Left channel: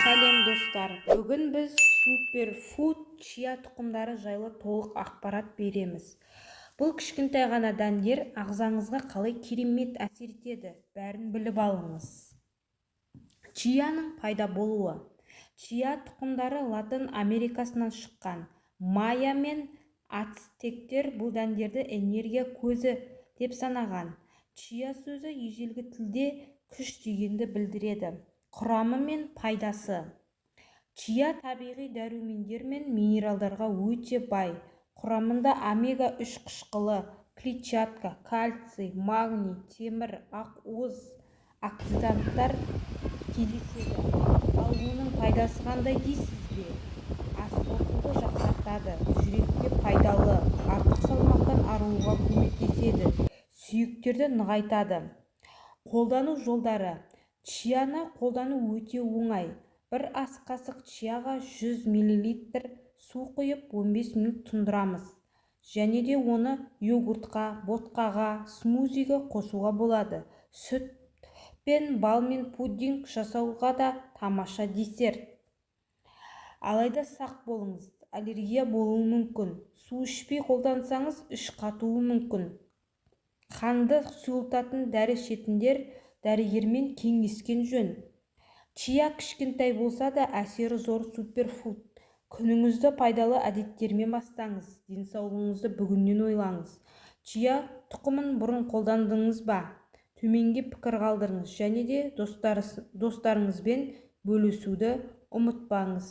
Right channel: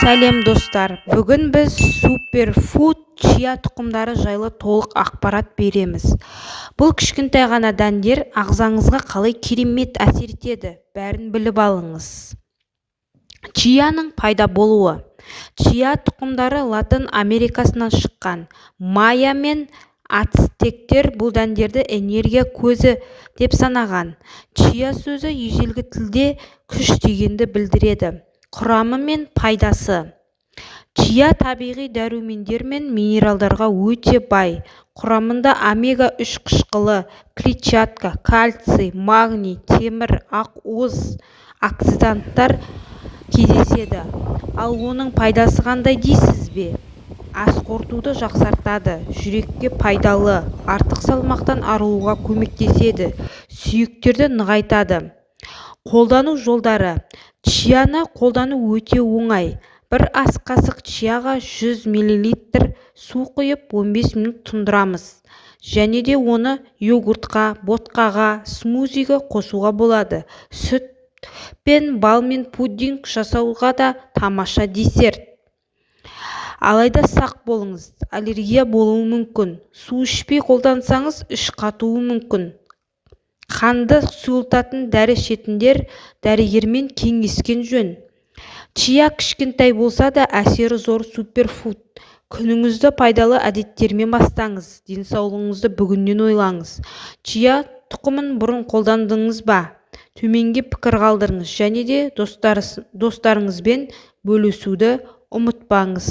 Сәлем достар, бүгін біз суперфуд чия тұқымдары жайлы толық ақпарат береміз. Бұл кішкентай ғана дәндер ағзаңызға қалай керемет әсер етеді, бәрін біліп алыңыз. Чияның пайда болуы. Чия тұқымдары Латын Америкасынан шыққан. Майя мен ацтектер бұл дәндерді энергия көзі деп санаған. Чия сөзі ежелгі тілде күш дегенді білдіреді. Құрамы мен пайдасы. Чия табиғи дәрумендер мен минералдарға өте бай. Құрамында омега-3 қышқылы, клетчатка, кальций, магний, темір, ақуыз, оксиданттар кездеседі. Ал оның пайдасы қандай дейсіз бе? Ас қорытуды жақсартады, жүрекке пайдалы, артық салмақтан арылуға көмектеседі, сүйектерді нығайтады. Қолдану жолдары. Чияны қолдану өте оңай. Бір ас қасық чияға 100 мл су құйып 15 минут тұндырамыз. Және де оны йогуртқа, ботқаға, смузиге қосуға болады. Сүт пен бал мен пудинг жасауға да тамаша десерт. Алайда сақ болыңыз, аллергия болуы мүмкін. Су ішпей қолдансаңыз, іш қатуы мүмкін. Қанды сұйылтатын дәрі ішетіндер дәрігермен кеңескен жөн. Чия кішкентай болса да әсері зор суперфуд. Күніңізді пайдалы әдеттермен бастаңыз, денсаулығыңызды бүгіннен ойлаңыз. Чия тұқымын бұрын қолдандыңыз ба? Төменге пікір қалдырыңыз және де достарыңызбен бөлісуді ұмытпаңыз.